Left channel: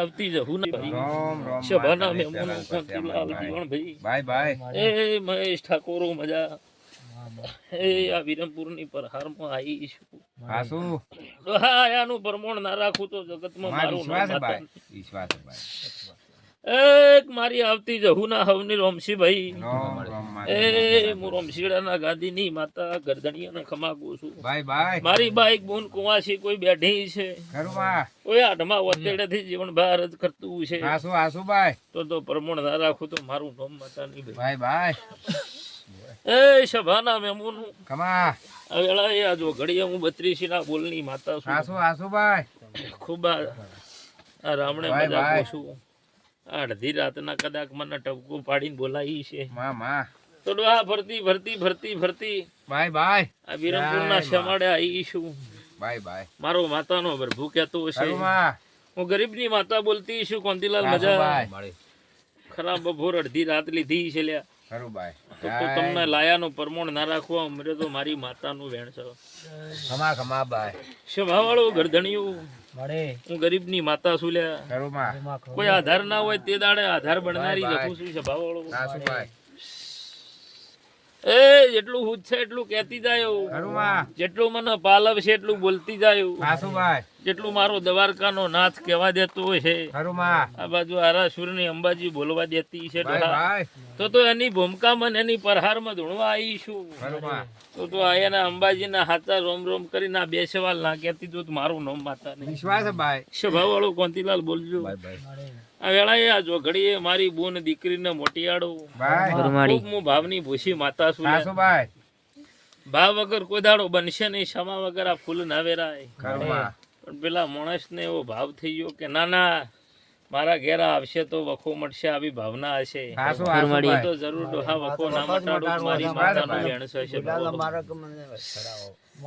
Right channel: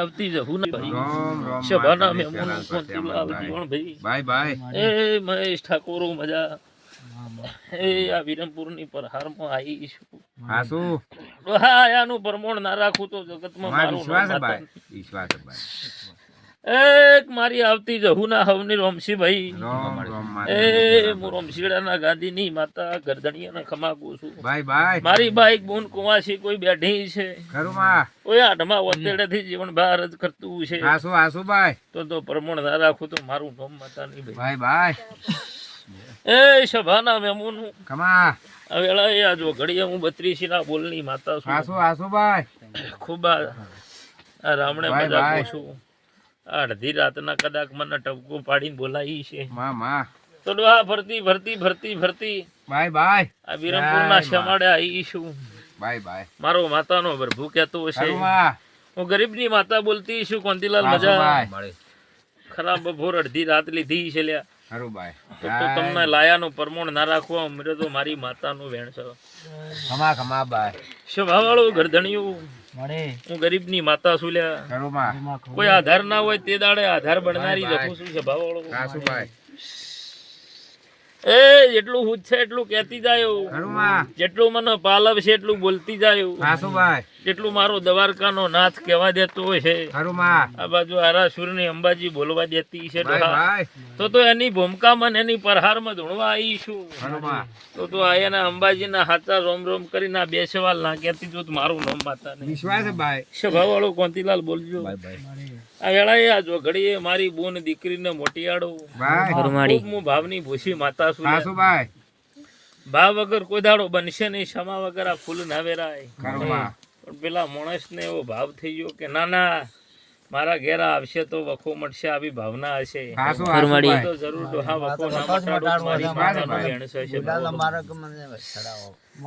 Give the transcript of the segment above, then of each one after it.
આવતી જવું ને ભાઈ. બાય બાય એ મહેશ ઠાકોરો મજા. એ આ વિરમપુરની પરહારમાં આવી છું. હાસુ હા આનું પરમોણ ના રાખું તો જગતમાં મારો મારું વિશ્વાસ ભાઈ વિશ્વાસ ભાઈ. એક મારી આવતી જહુના હવની રોમસીભાઈ રોમ રોમ એ. હું રોમશીડાના ગાદીની માતા ગરદણીયાને ખમાગું છું. મારી બાઈક બોન કુવાસી કોઈ બેઠી છે. કોઈ આઠમા વતેડેથી જીવન બહાર જ કરતું છે. આસુ આસુ ભાઈ તો તો પ્રમાણ ના રાખું તો મારું રોમ માતા નહીં ભાઈ ભાઈ એ સભાના મેમુન. કમા વેળા એ આજો ઘડીએ હું બત્રીસી ના બોલની માતા છું. આસુ આસુ ભાઈ ખૂબ આ રામણે મજા. છું અડધી રાતના કદાચ મને ટપકું પાડીને બોલાવી છે. માં માં. તો ડોહા ફરતી ફરતી ફરતી ફરતી. Bye bye. આ વિરમપુરના ના શમાડે આવી છું. Bye bye. મારો માતાનો પ્રભુ કહેતો હશે. હું ગરીબની માતા બોલતી છું કોંતીલાલ મજા. ખરાબ બપોર અડધી રાત લીધી છે લ્યા. ખરું તો તમને લાયાનું પ્રમાણ ના રાખવા અમરે તો મારી માતાનું વેણ છે. ખમા ખમા બાય. સ્વભાવવાળું ગરધણિયું. હું ગરીબની માતા છું લ્યા. ખરું કોઈ આધાર ના હોય તે દાડે આધાર બનનારી. જખું છું સ્વભાવવાળો. હાસુ ભાઈ એ જેટલું હું છે એટલું કહેતી જાય જેટલું મને પાલવ છે એટલું બોલતી જાય હાસુ ભાઈ જેટલું મારો દ્વારકાનો નાથ કહેવા દેતો છે. આ બાજુ આરાસુરની અંબાજી બોલવા દેતી છે તો તો એની ભૂમિકામાં મન એની પરહારમાં ધૂણવા આવી છું તો તો એના અંબાજીના હાથા રોમ રોમ કરીને ના બે સવાલ ના કહેતી તો મારું નામ માતા નહીં સ્વભાવ વાળો કોંતીલાલ બોલજો. વેળાએ આ જોઘડીએ મારી બોન દીકરીને મોટિયાડો હું ભાવની ભૂસી માતા છું ભાવ વગર કોઈ દાડો બનશે નહીં ક્ષમા વગર આ ફૂલ ના વેરાય. પણ પેલા માણસને એવો ભાવ થઈ ગયો કે ના ના મારા ઘેરા આવશે તો વખો મળશે આવી ભાવના હશે. તો જરૂર ડોહા વખો ના મટાડું મારી માતાનું વેણ હશે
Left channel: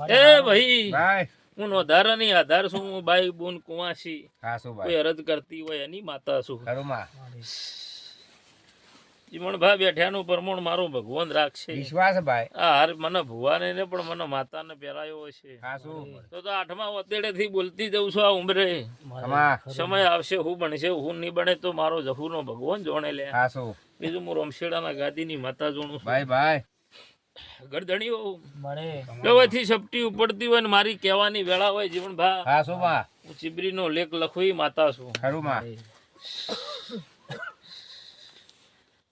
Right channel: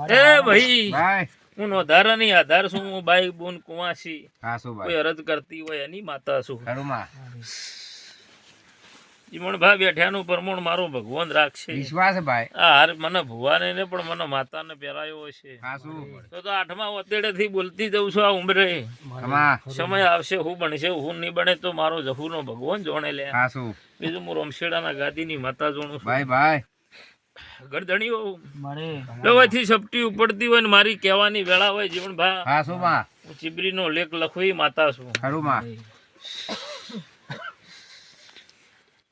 એ ભાઈ. હું નહીં આધાર છું હું બાઈ બોન કુવાસી. કોઈ ભાઈ અરજ કરતી હોય એની માતા છું ખરું માં જીવણભા બેઠાનું પ્રમાણ મારો ભગવાન રાખશે. વિશ્વાસ ભાઈ હાર મને ભુવાને ને પણ મને માતાને પહેરાયો હશે. તો તો આઠમા વતેડે થી બોલતી જઉં છું આ ઉંમરે. સમય આવશે હું બનશે હું નહીં બને તો મારો જહુનો ભગવાન જોણે લે. બીજું હું રમશેડાના ગાદીની માતા જોણું ભાઈ બાય ગરદણીઓ. દવાથી સપટી ઉપડતી હોય ને મારી કહેવાની વેળા હોય જીવન ભા શું માં? હું ચીબરીનો લેખ લખવી માતા છું. ખરું માં?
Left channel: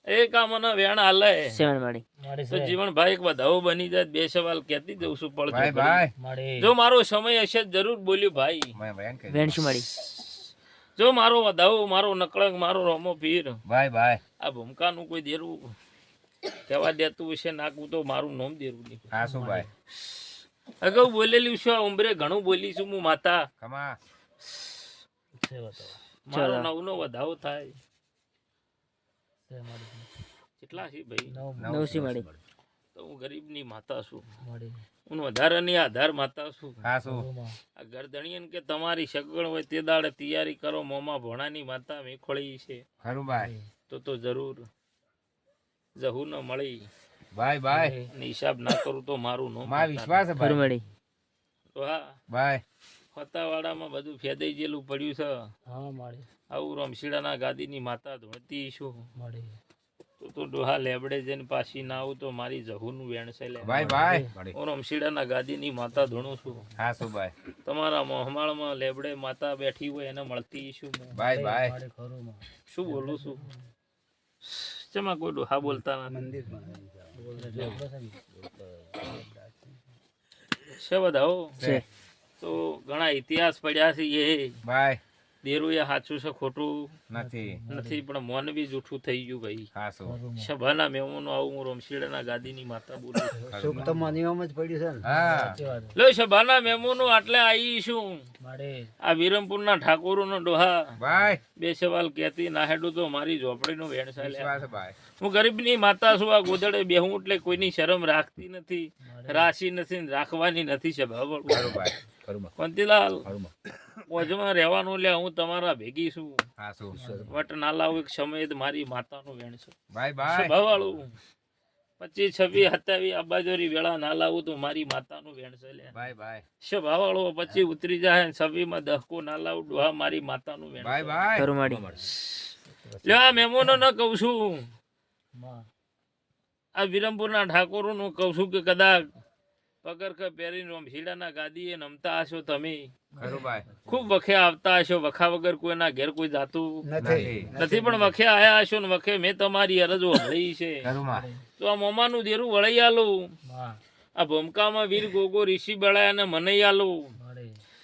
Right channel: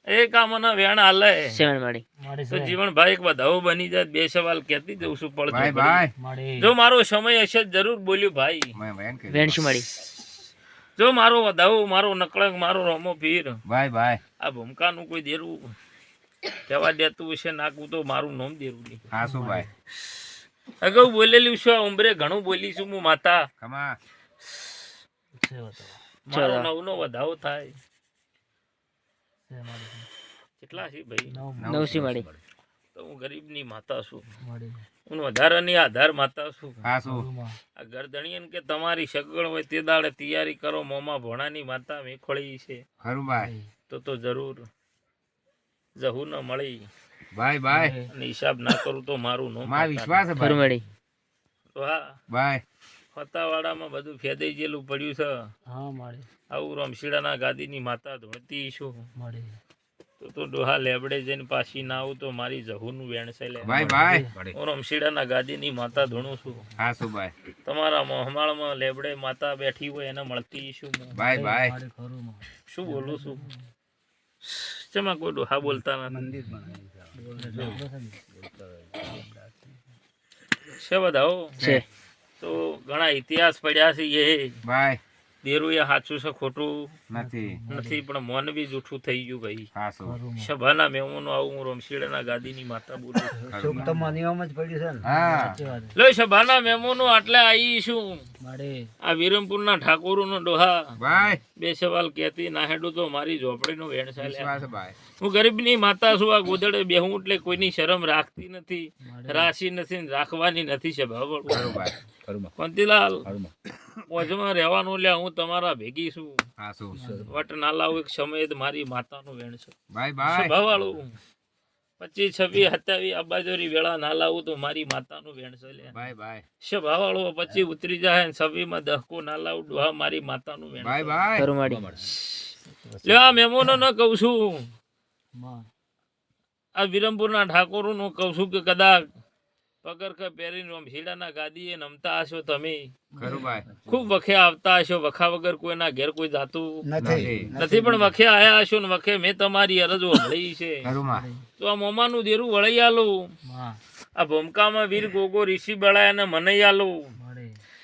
એક આ મને વેણ માડી તો જીવન ભાઈ એક વધાવો બની જાય બે સવાલ કહેતી જઉં છું પડતો ભાઈ જો મારો સમય હશે જરૂર બોલ્યું ભાઈ. વેણ શું માડી જો મારો વધાવો મારો નકળંગ મારો રમો પીર. ભાઈ ભાઈ. આ ભૂમકાનું કોઈ દેરું કહેવા દેતું હશે નાખવું તો મારું નામ દેરું નહીં. હાસુ ભાઈ? અગાઉ બોલેલું છું આ ઉંમરે ઘણું બોલી છું હું માતા. કમા. મારો નવનો વધાવો થાય. કેટલા છે ભાઈ? નવસી મળી. તો હું ગરીબની માતા છું. હું વધારાની આધાર માતા છું. હાસુ આ ગરદણીયન કે તમારી સગવડ હોય તે દાડે તૈયારી કરો મોમાં ભોણાની માતા મેખોળી છે. ખરું ભાઈ. તો તો જરૂર. જહુ ન મળી. Bye bye. અને હિસાબ ના કરું તો મારું નો માર વિશ્વાસ છે ભાઈ. તો હા. બાય. ફતાવાડામાં બધું ફેદાઈ ગયેલું પડ્યું છે. આવું રમશીડાના ગાદીની માતા ધોણતી છું. તો તો ડોહા લેબડે જઈને પાછી ના આવું તો મારી જહુનું વેણ છે લે. Bye bye. હું રમશીડાના ગાદીની માતા ધોણું છું. હાસુ ભાઈ તમારા મોહમાળમાં લેબડે માતા બેઠી હોય એને મળતી શું હું? Bye bye. શું બોલું છું? શેમાં કોઈ હા બોલતા નથી છે બધા તો ઘણા ઇતિહાસ પડ્યા છે એ. બાય. દેરું એ સાચું છે ખોટું નથી. નથી પણ મન બી જૂઠું થઈ ગયું ભાઈ. સભાના મહેમાનો આવું હું રમશીડાના ગાદીની માતા બોલું છું. હા લો સભાના મહેમાનો આટલે આવી છું. આ વિરમપુરના ઠાકોરોનો ડોહા. ભાઈ. બે સવાલ કહેતી ના હેડું તો મારી ઝોપડીનો વેણ ચાલે છે ભાઈ. હું ગરીબની માતા છું આ ગોદડે બેહું એટલે કોઈની શરમ રાખતી નથી. રાશી નથી રાખવાની નથી સભા કોંતીલાલ. મોજમાં રહેવાનું લે હું તમારા ભેગી છું. હાસુ વટ ના લાવું એક સમયે મારી માતાનું વેણ છે. Bye bye. સ્વભાવવાળું પચીસ છવ્વીસ સત્યાવીસ અબાજોરી બાજુરી વેળા ના લાવું તો મારી માતાનું વેણશે લે. Bye bye. સભાવાળો પછી ઉતરી જાય ને છવ્વીસમાં દહકો ના લાવું ડોહા મારી માતાનું વેણ બાય બાય. લે આ મેમોનો ન કહું છું. આ વિરમપુરના ઠાકોરોનું કહું છું કે કદાચ પગરખા પહેરીને રમશીડાના ગાદીએ નમતા હશો તમે. ખરું ભાઈ. ખૂબ વખે આવતા હશો વખા વગર કોઈના ઘેર કોઈ જાતું નથી. નથી. પણ વખે આયા હશો ને વખે મેં તમારી અરજ વળી છે. માં. તો આ મોમાનું દેરું વળી આલું. આ ભૂમકામાં વીર ગોગો ઋષિ બળાય અને મને આલું.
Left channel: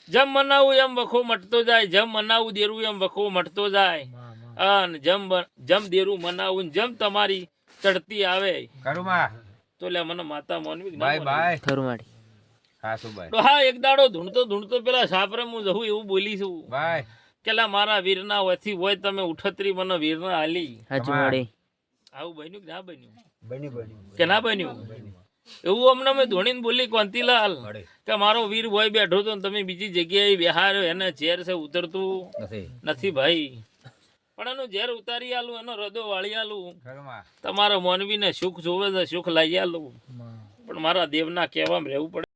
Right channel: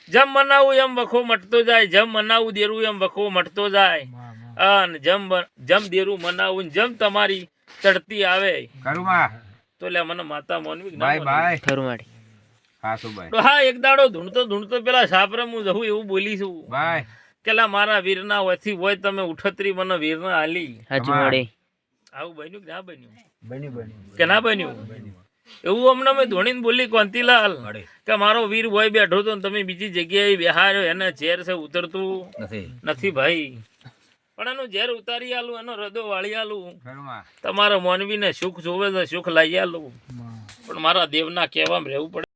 જેમ મનાવું એમ વખો મટતો જાય જેમ મનાવું દેરું એમ વખો મટતો જાય. અને જેમ જેમ દેરું મનાવું જેમ તમારી ચડતી આવે. ખરું માં. તો લે મને માતા મોનવી બાય ના બાય માનવી? હા ખાસું બાય? તો હા એક દાડો ધૂણતો ધૂણતો પેલા સાપરે હું જવું એવું બોલી છું. બાય. કે મારા વીરના વથી હોય તમે ઉઠતરી મને વીરના હાલી તમારે આવું બન્યું કે ના બન્યું? કે ના બન્યું? એવું અમને મેં ધોણીને બોલી કોંતીલાલ કે મારો વીર હોય બેઠો તો તમે બીજી જગ્યાએ બિહાર એને ચેર છે ઉતરતું? નથી ભાઈ. પણ એનું ઝેર ઉતારી આલું એનો રદો વાળી આલું તમારા મોનવીને સુખ જોવે છે સુખ લાવી આલું. પણ મારા દેવના કહેવામાં રહેવું પડે.